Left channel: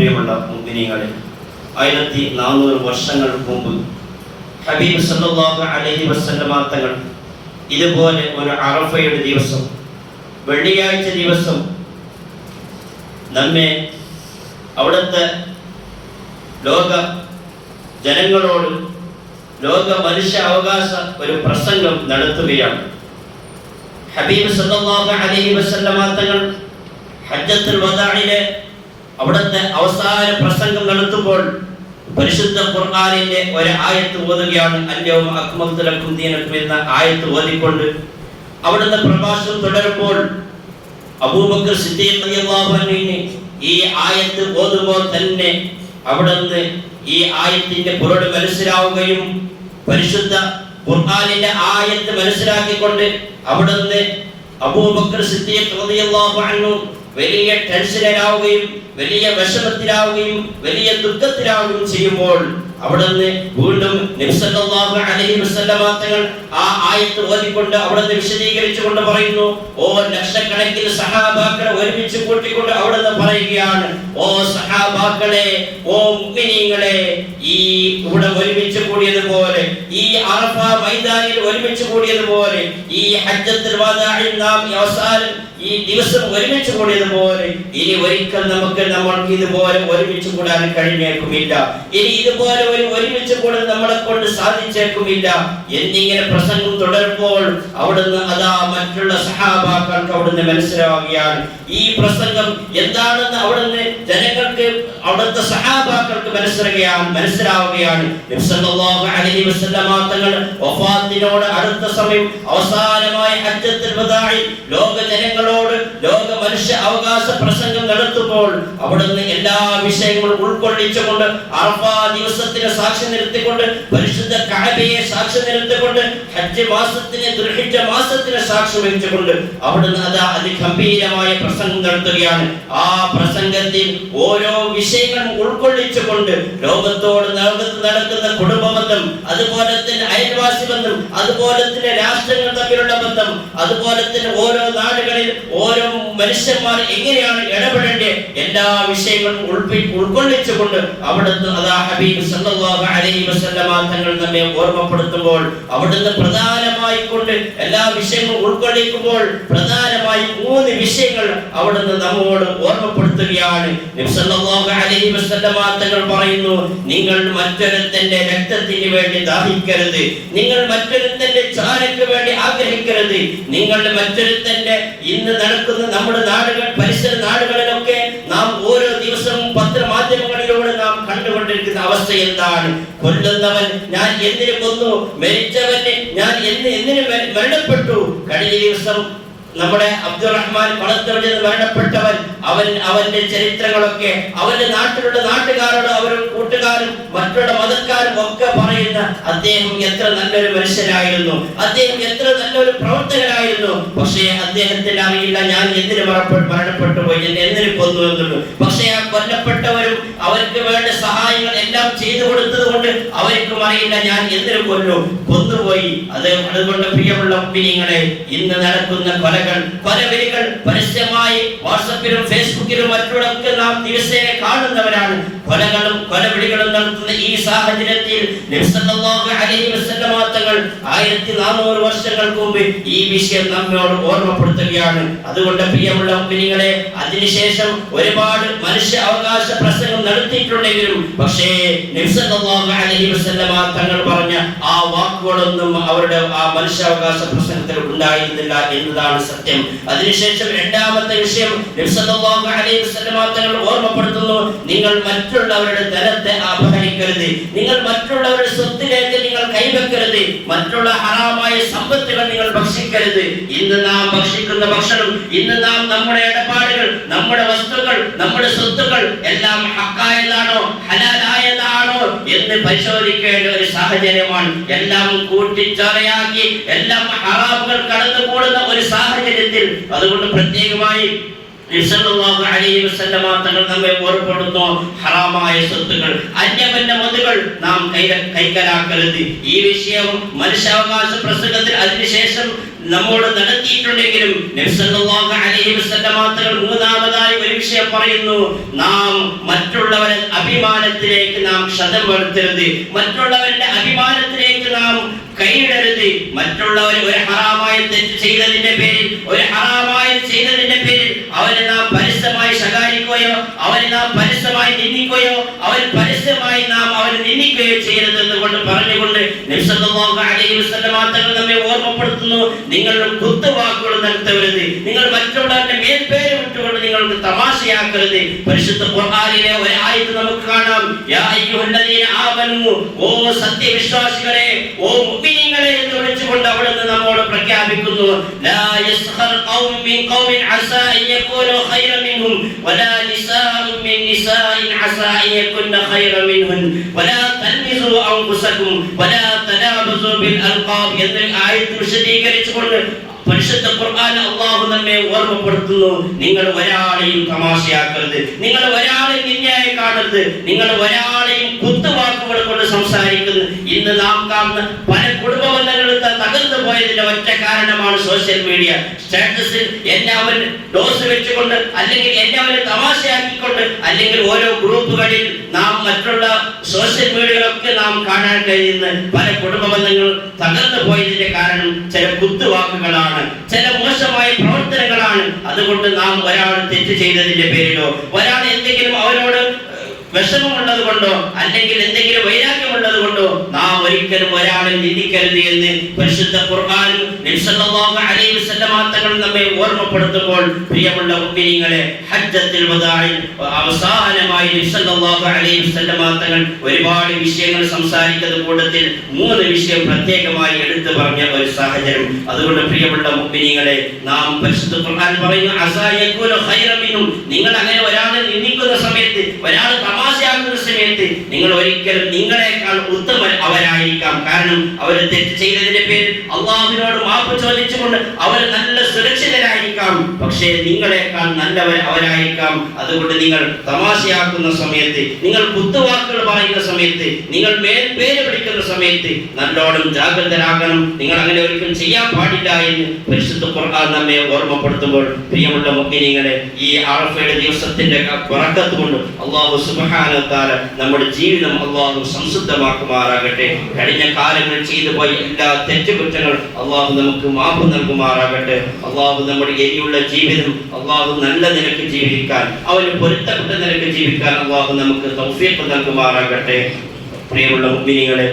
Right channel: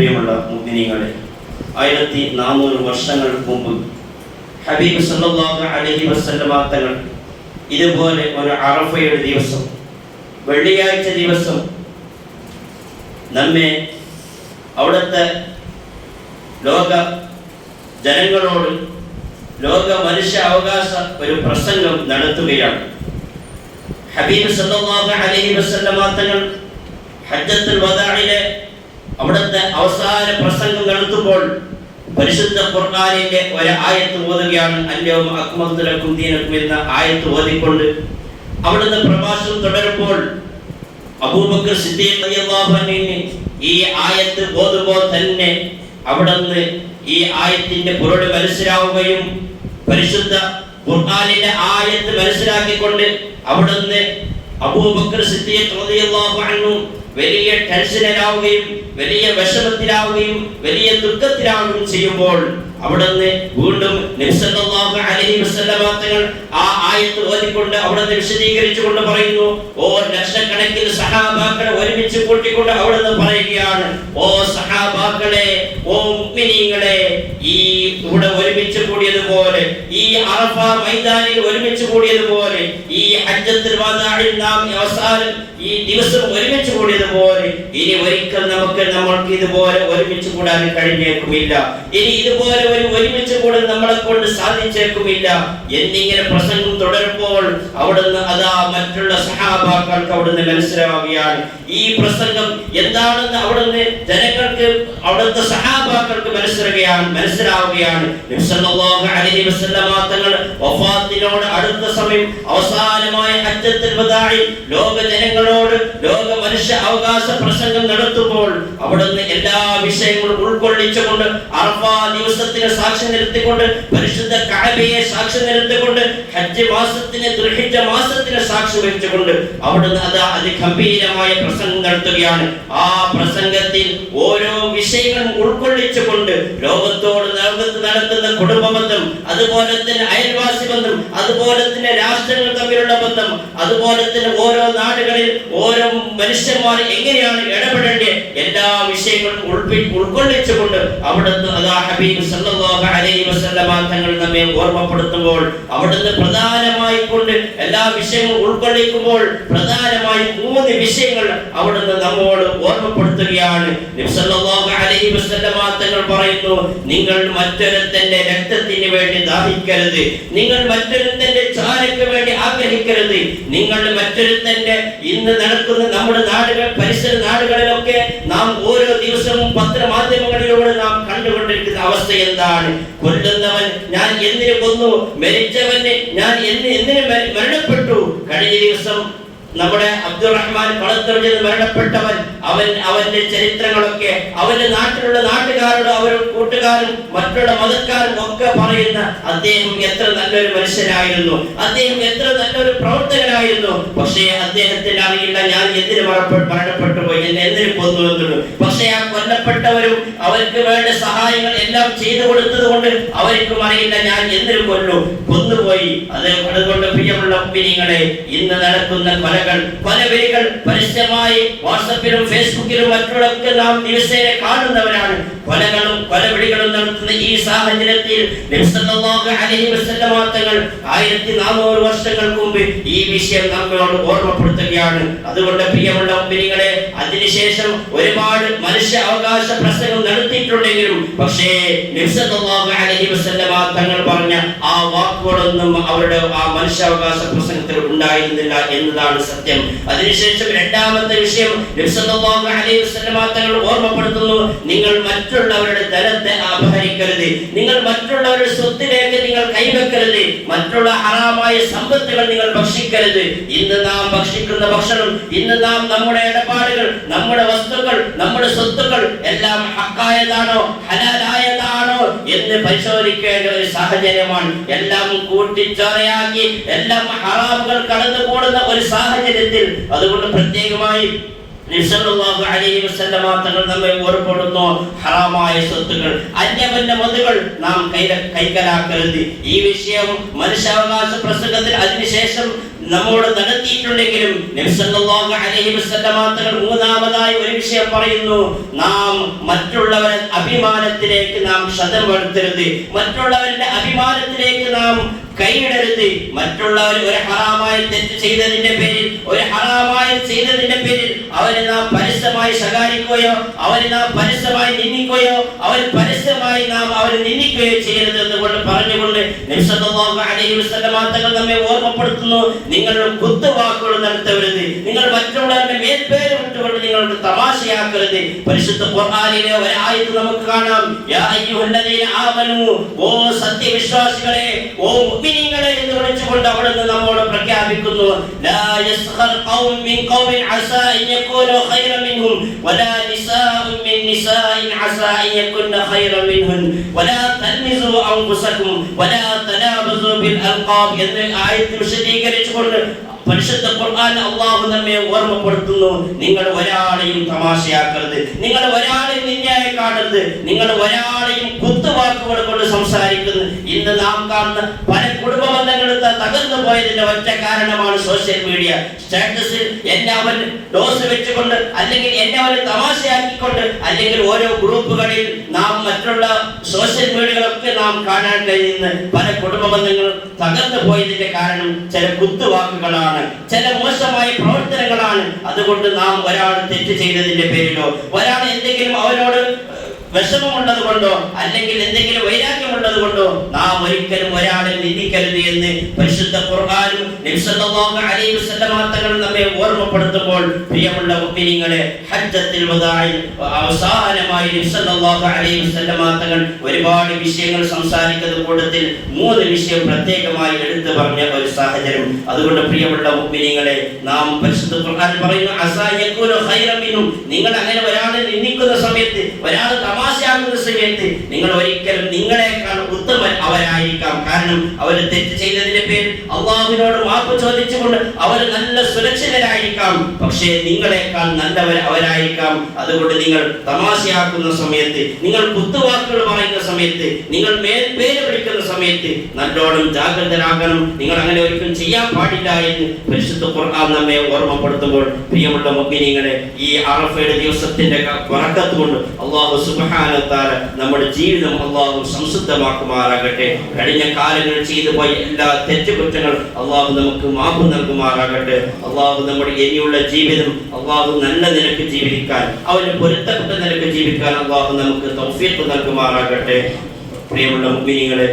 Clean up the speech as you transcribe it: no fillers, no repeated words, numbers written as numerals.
പ്രിയമുള്ള മുഅ്മിനീങ്ങളെ, 1400 വർഷങ്ങൾക്ക് മുമ്പ് ഹബീബ് സല്ലല്ലാഹു അലൈഹി വസല്ലമ തങ്ങൾ ഇതുപോലെ ഒരു അറഫയുടെ ദിവസം, വെള്ളിയാഴ്ച ദിവസം നമ്മെ അവിടുത്തെ ലോക ജനങ്ങളോട് ലോക മനുഷ്യ അവകാശ ഒരു പ്രസംഗം നടത്തുകയാണ്. ഹബീബ് സല്ലല്ലാഹു അലൈഹി വസല്ലമ തങ്ങൾ ഹജ്ജത്തുൽ വദാഇലെ അവിടുത്തെ അവസാന പ്രസംഗം നടത്തുമ്പോൾ പരിശുദ്ധ ഖുർആനിന്റെ ഒരു ആയത്ത് ഓതുകയാണ്. അൽയൗമ അക്മൽതു ലക്കും ദീനക്കും എന്ന ആയത്ത് ഓതിക്കൊണ്ട് അവിടുത്തെ പ്രഭാഷണം തുടരുമ്പോൾ അബൂബക്കർ സിദ്ദീഖ് റളിയല്ലാഹു അൻഹു ഈ ആയത്ത് ഓതുമ്പോൾ തന്നെ അവിടുന്ന് ഈ ആയത്തിന്റെ പൊരുൾ മനസ്സിലാവുകയും പരിശുദ്ധ ഖുർആനിലെ ആയത്ത് മനസ്സിലാക്കിക്കൊണ്ട് അവിടുന്ന് അബൂബക്കർ സിദ്ദീഖ് റളിയല്ലാഹു അൻഹു വലിയ ടെൻഷനിലാവുകയും വലിയ വിഷമത്തിലാവുകയും വലിയ ദുഃഖത്തിലാവുകയും ചെയ്യുമ്പോൾ അവിടുന്ന് വീണ്ടും നബി സല്ലല്ലാഹു അലൈഹി വസല്ലമ തങ്ങൾ ആ ആയത്ത് ഓതിക്കൊണ്ട് അവിടുന്ന് വിശദീകരിച്ചുകൊണ്ട് പറയുന്നു, ഓ ലക്ഷക്കണക്കിന് സഹാബാക്കളെ ഒരുമിച്ച് കൂട്ടിക്കൊണ്ട് അവിടുന്ന് പറയുകയാണ്, ഓ സഹാബാക്കളെ, ഓ മുഅ്മിനീങ്ങളെ, ഈ ഇവിടെ ഒരുമിച്ച് കൂടിയതുപോലെ, ഈ അറഫ മൈതാനിൽ ഒരുമിച്ച് കൂടിയതുപോലെ, ഈ ഹജ്ജത്തുൽ വദാഇൽ നാം അവസാനം ഈ ദിവസം ഒരുമിച്ച് കൂടിയതുപോലെ ഇനി ഒരിക്കൽ നമ്മൾക്ക് ഇതുപോലെ ഒരുമിച്ച് കൂടാൻ കഴിഞ്ഞേക്കുമില്ല. ഇനി ഇതുപോലെ ഒരുമിച്ച് കൂടാൻ നമ്മളെ കൊണ്ട് സാധിച്ചേക്കുമില്ല എന്നിങ്ങനെ പ്രസംഗം തുടരുമ്പോൾ അവിടുന്ന് അതാ മറ്റുള്ള സഹാബാക്കൾക്ക് അവിടുന്ന് മനസ്സിലാവുകയാണ്. ഈ പ്രസംഗം എന്താണെന്ന് അവിടുന്ന് ജനങ്ങൾക്ക്, അവിടുത്തെ സഹാബാക്കൾക്ക് മനസ്സിലാവുകയാണ്. നബി സല്ലല്ലാഹു അലൈഹി വസല്ലമ തങ്ങൾ വഫാത്തിനോട് അടുത്ത സമയം അവസാനമായ ഹജ്ജത്തുൽ വദാഇൽ ലോക ജനങ്ങളോട് ലോക മനുഷ്യ അവകാശ പ്രസംഗം നടത്തുമ്പോൾ അവിടുന്ന് എല്ലാ വിഷയങ്ങളും ഉൾക്കൊള്ളിച്ചുകൊണ്ട് അറഫ ദിവസത്തിന് സാക്ഷി നിർത്തിക്കൊണ്ട് പരിശുദ്ധ കഅബയെ സാക്ഷി നിർത്തിക്കൊണ്ട് ഹജ്ജ് മാസത്തിന് ദുൽഹിജ്ജ മാസത്തിന് സാക്ഷി വഹിച്ചുകൊണ്ട് അവിടുന്ന് അത് അതിഗംഭീരമായ പ്രസംഗം നടത്തുകയാണ്. ആ പ്രസംഗത്തിൽ ഓരോ വിഷയങ്ങളും ഉൾക്കൊള്ളിച്ചുകൊണ്ട് ലോകത്തോട് നടക്കുന്ന കുടുംബബന്ധം, അതുപോലെ തന്നെ അയൽവാസി ബന്ധം, അതുപോലെ തന്നെ രാഷ്ട്രങ്ങൾ തമ്മിലുള്ള ബന്ധം, അതുപോലെ തന്നെ ഓരോ നാടുകളിൽ ഓരോ മനുഷ്യന്മാർ എങ്ങനെയാണ് ഇടപെടേണ്ടത്, എല്ലാ വിഷയങ്ങളും ഉൾക്കൊള്ളിച്ചുകൊണ്ട് അവിടുന്ന് അതാ ഹബീബ് സല്ലല്ലാഹു അലൈഹി വസല്ലമ തങ്ങൾ നമ്മെ ഓർമ്മപ്പെടുത്തുമ്പോൾ അവിടുന്ന് പ്രധാനമായി കൊണ്ട് എല്ലാ വിഷയങ്ങളും ഉൾക്കൊള്ളിക്കുമ്പോൾ പ്രധാനമായി 3 വിഷയങ്ങൾ അവിടുന്ന് നമ്മോട് ഓർമ്മപ്പെടുത്തുകയാണ്. നബി സല്ലല്ലാഹു അലൈഹി വസല്ലമ തങ്ങൾ പറയുന്നു, നിങ്ങൾ മറ്റൊരുത്തന്റെ രക്തത്തിന് വേണ്ടി ദാഹിക്കരുത്, നിങ്ങൾ മറ്റൊരുത്തന്റെ ചാരക്ക് വേണ്ടി ആഗ്രഹിക്കരുത്, നിങ്ങൾ മറ്റൊരുത്തന്റെ ഇന്ന് നടക്കുന്ന നമ്മുടെ നാടുകൾ, പരിസര നാടുകളിലൊക്കെ നാം ഓരോ ദിവസവും പത്രമാധ്യമങ്ങളിലൂടെ നാം കണ്ടുകൊണ്ടിരിക്കുന്ന അവസ്ഥ എന്താണ്? കൊല്ലുന്നവൻ ഞാൻ എന്തിനു കൊന്നു, മരിച്ചവന് ഞാൻ എന്തിനു മരണപ്പെട്ടു. കഴിഞ്ഞ ദിവസം നമ്മുടെ അബ്ദുറഹ്മാൻ പളത്തറയിൽ മരണപ്പെട്ടവൻ, അവന്റെ ചരിത്രങ്ങളൊക്കെ അവന്റെ നാട്ടിലുള്ള നാട്ടുകാരോട് അവരും കൂട്ടുകാരും മറ്റുള്ള മതക്കാരും ഒക്കെ പറയുന്ന അദ്ദേഹം എത്ര നല്ലൊരു മനുഷ്യനായിരുന്നു, അദ്ദേഹം എത്ര നല്ലൊരു പ്രവർത്തകനായിരുന്നു. പക്ഷേ അദ്ദേഹത്തിന് അറിയില്ല ഞാൻ എന്തിനു മരണപ്പെട്ടു പോയി, എന്തിനു കൊന്നു എന്നുള്ളൂ. പക്ഷേ ആ കൊല്ലപ്പെട്ടവരും അവർക്ക് വേണ്ട സഹായങ്ങൾ എല്ലാം ചെയ്തു കൊടുത്തത് കൊണ്ട് അവർക്കും അറിയില്ല ഞാൻ എന്തിനു കൊന്നുപോയി. അതുകൊണ്ട് പ്രിയമുള്ള മുഅ്മിനീങ്ങളെ, ഇന്ന് നടക്കുന്ന കൊലവിളികൾ പരസ്യമായി വാട്സാപ്പിലും ഫേസ്ബുക്കിലും മറ്റുള്ളവർക്ക് നാം ദിവസേന കാണുന്നവരാണ്. കൊലകളും കൊലവിളികളും നടത്തുന്ന ഈ സാഹചര്യത്തിൽ നബി സല്ലല്ലാഹു അലൈഹി വസല്ലമ തങ്ങൾ 1400 വർഷങ്ങൾക്ക് മുമ്പ് ഈ വിഷയം നമ്മോട് ഓർമ്മപ്പെടുത്തുകയാണ്. അതുകൊണ്ട് പ്രിയമുള്ള മുഅ്മിനീങ്ങളെ, അതിനുശേഷം ഒരുപാട് മനുഷ്യ അവകാശ പ്രസംഗം നടത്തിയിട്ടുണ്ടെങ്കിലും പക്ഷേ നബി സല്ലല്ലാഹു അലൈഹി വസല്ലമ തങ്ങൾ പറഞ്ഞ ആ വാക്കുകളൊന്നും അവരുടെ ആ മനുഷ്യാവകാശ പ്രസംഗത്തിൽ ഉണ്ടായിരുന്നില്ല എന്നതാണ് സത്യം. അതിനുശേഷം രണ്ടാമത്തെ വിഷയം നബി സല്ലല്ലാഹു അലൈഹി വസല്ലമ തങ്ങൾ ഓർമ്മപ്പെടുത്തുന്നു, നിങ്ങൾ മറ്റുള്ളവരുടെ ധനത്തെ അപഹരിക്കരുത്, നിങ്ങൾ മറ്റുള്ളവരുടെ സ്വത്തിലേക്ക് നിങ്ങൾ കൈവെക്കരുത്, മറ്റുള്ള ഹറാമായ സമ്പത്തുകൾ നിങ്ങൾ ഭക്ഷിക്കരുത്. ഇന്ന് നാം ഭക്ഷിക്കുന്ന ഭക്ഷണം, ഇന്ന് നാം നമ്മുടെ ഇടപാടുകൾ, നമ്മുടെ വസ്തുക്കൾ, നമ്മുടെ സ്വത്തുക്കൾ എല്ലാം ഹക്കായതാണോ ഹലാലായതാണോ എന്ന് പരിശോധിക്കേണ്ട ഒരു സാഹചര്യമാണ്. എല്ലാം കൂട്ടിച്ചോരയാക്കി എല്ലാം ഹറാമുകൾ കടന്നുകൂടുന്ന ഒരു സാഹചര്യത്തിൽ അതുകൊണ്ട് പ്രത്യേകമായി സല്ലല്ലാഹു അലൈഹി വസല്ലമ തങ്ങൾ നമ്മെ ഓർമ്മപ്പെടുന്നു, ഹറാമായ സ്വത്തുകൾ, അന്യവന്റെ മതുകൾ നാം കൈക്കലാക്കരുത്. ഈ വിഷയം മനുഷ്യാവകാശ പ്രസംഗത്തിൽ അതിനുശേഷം നമ്മോട് നടത്തിയിട്ടുണ്ടെങ്കിലും നബി സല്ലല്ലാഹു അലൈഹി വസല്ലമ തങ്ങൾ മൂന്നാമതായി ഒരു വിഷയം പറയുന്നു, നാം മറ്റുള്ളവരുടെ അഭിമാനത്തിലേക്ക് നാം ക്ഷതം വരുത്തരുത്, മറ്റുള്ളവരുടെ അഭിമാനത്തിലേക്ക് നാം കൈയിടരുത്. മറ്റുള്ളവർ ഒരു ഹറാമായ തെറ്റ് ചെയ്തതിന്റെ പേരിൽ, ഒരു ഹറാമായ ചെയ്തതിന്റെ പേരിൽ അവരെ നാം പരസ്യമായി ശകാരിക്കുകയോ അവരെ നാം പരസ്യമായി നിന്ദിക്കുകയോ പരസ്യമായി നാം അവരെ നിന്ദിക്കുകയോ ചെയ്യരുത് എന്നുകൊണ്ട് പറഞ്ഞുകൊണ്ട് നബി സല്ലല്ലാഹു അലൈഹി വസല്ലമ തങ്ങൾ നമ്മെ ഓർമ്മപ്പെടുത്തുന്നു, നിങ്ങൾ കുത്തുവാക്കുകൾ നടത്തരുത്, നിങ്ങൾ മറ്റുള്ളവരുടെ മേൽപ്പേര് വിട്ടുകൊണ്ട് നിങ്ങൾക്ക് തമാശയാക്കരുത്. പരിശുദ്ധ ഖുർആനിലെ ഒരു ആയത്ത് നമുക്ക് കാണാം, യാ അയ്യുഹല്ലദീന ആമനൂ, ഓ സത്യവിശ്വാസികളെ, ഓ മുഅ്മിനീങ്ങളെ എന്ന് വിളിച്ചുകൊണ്ട് അവിടുന്ന് നമ്മോട് പ്രഖ്യാപിക്കുന്നു, ലാ യസ്ഖർ ഖൗം മിൻ ഖൗമിൻ അസാ അൻ യകൂനു ഖൈറൻ മിൻഹും വലാ നിസാഉൻ മിൻ നിസാഇൻ അസാ അൻ യകുന്ന ഖൈറൻ മിൻഹുൻ വലാ തൽമിസു അൻഫുസകും വലാ തനാബസു ബിൽ അൽഖാബ് എന്ന ആയത്ത് വിശദീകരിച്ചുകൊണ്ട് പരിശുദ്ധ ഖുർആൻ അല്ലാഹു നമ്മെ ഓർമ്മപ്പെടുത്തുന്നു, നിങ്ങൾ ഒരാളെയും തമാശയാക്കരുത്, നിങ്ങൾ ഒരാളെയും നിന്ദയായി കാണരുത്, നിങ്ങൾ ഒരാളെയും കുത്തുവാക്കുകൾ കൊണ്ട് സംസാരിക്കുന്നു. ഇന്ന് നാം കാണുന്ന പല കുടുംബ ബന്ധങ്ങളും തകർന്നു പോയതിന്റെ ഒറ്റ കാരണമാണ് സോഷ്യൽ മീഡിയ. സ്റ്റാറ്റസിൽ എന്നെ അവൻ ഡോസ് വെച്ചുകൊണ്ട്, അല്ലെങ്കിൽ എന്നെ അവൻ തമാശയാക്കിക്കൊണ്ട്, അല്ലെങ്കിൽ ഓരോ ഗ്രൂപ്പുകളിൽ നാം മറ്റുള്ള സോഷ്യൽ മീഡിയകളൊക്കെ നാം കാണാൻ കഴിയുന്ന പല കുടുംബ ബന്ധങ്ങൾ തകർന്നു പോയതിന്റെ കാരണം ചില കുത്തുവാക്കുകളാണ്, ചില മോശമായ പ്രവർത്തനങ്ങളാണ്. അതുകൊണ്ട് നാം ഒരാൾ തെറ്റ് ചെയ്തതിന്റെ പേരിലോ ഒരാൾ എന്തെങ്കിലും അവനോട് വിഷമമുള്ളത് കൊണ്ടോ അല്ലെങ്കിൽ എന്തെങ്കിലും വൈരാഗ്യമുള്ളത് കൊണ്ടോ നാം ഒരിക്കലും ഒരാളെ നിന്ദിക്കരുത് എന്ന് പരിശുദ്ധ ഖുർആനും നബി സല്ലല്ലാഹു അലൈഹി വസല്ലമ തങ്ങൾ നമ്മെ ഓർമ്മപ്പെടുത്തുമ്പോൾ, പ്രിയമുള്ള മുഅ്മിനീങ്ങളെ, ഹജ്ജത്തുൽ വദാഇൽ അവസാനമായി നബി സല്ലല്ലാഹു അലൈഹി വസല്ലമ തങ്ങൾ ഒരുപാട് വിഷയങ്ങൾ സംസാരിക്കുന്ന കൂട്ടത്തിൽ 3 വിഷയം പ്രത്യേകമായി എടുത്തു പറഞ്ഞ ഒരു സാഹചര്യം. അതുകൊണ്ട് പ്രിയമുള്ള മുഅ്മിനീങ്ങളെ, നാം പരിശുദ്ധ ഖുർആൻ പറയുന്നു, അസാ യകൂനു ഖൈറൻ മിൻഹും, നിങ്ങൾ അങ്ങനെ ഒരാളെ നിന്ദിക്കുന്ന സമയത്ത്, ഒരാൾ തമാശയാക്കുന്ന സമയത്ത് നിങ്ങൾ ഒരിക്കലും നിങ്ങളെക്കാൾ ഉത്തമൻ അവരായിരിക്കാം. കാരണം അവർ തെറ്റ് ചെയ്തതിന്റെ പേരിൽ അള്ളാഹുവിനോട് മാപ്പ് ചോദിച്ചുകൊണ്ട് അവർ നല്ല സുരക്ഷിതരായിരിക്കാം, പക്ഷേ നിങ്ങളെക്കാൾ നല്ലവർ അവരായിരിക്കാം. അതുകൊണ്ട് നിങ്ങൾ തമാശയാക്കുന്ന സമയത്ത്, നിങ്ങൾ കുത്തുവാക്കുകൾ പറയുന്ന സമയത്ത്, നിങ്ങൾ മേൽപ്പേര് വിളിക്കുന്ന സമയത്ത് നല്ലോണം ജാഗ്രതരാകണം. നിങ്ങൾ അങ്ങനെ ഒരിക്കലും ചെയ്യാൻ പാടില്ല എന്ന് പരിശുദ്ധ ഖുർആൻ നമ്മെ ഓർമ്മപ്പെടുത്തുമ്പോൾ, പ്രിയമുള്ള മുഅ്മിനീങ്ങളെ, ഈ അറഫയുടെ ദിവസത്തിന്റെ ബറക്കത്ത് കൊണ്ട് അല്ലാഹു സുബ്ഹാനഹു വ തആല നമ്മുടെ ജീവിതം അല്ലാഹു സംശുദ്ധമാക്കുമാറാകട്ടെ. കഴിഞ്ഞ കാലങ്ങൾ ചെയ്തു പോയ എല്ലാ തെറ്റുകുറ്റങ്ങൾ അല്ലാഹു നമുക്ക് മാപ്പ് നൽകുമാറാകട്ടെ. അല്ലാഹു നമ്മുടെ ഇനിയുള്ള ജീവിതം അല്ലാഹു നല്ല നിലയ്ക്ക് ജീവിക്കാൻ, അവന് പൊരുത്തപ്പെട്ട നിലയ്ക്ക് ജീവിക്കാൻ അല്ലാഹു നമുക്ക് തൗഫീഖ് നൽകുമാറാകട്ടെ. പ്രിയമുള്ള മുഅ്മിനീങ്ങളെ,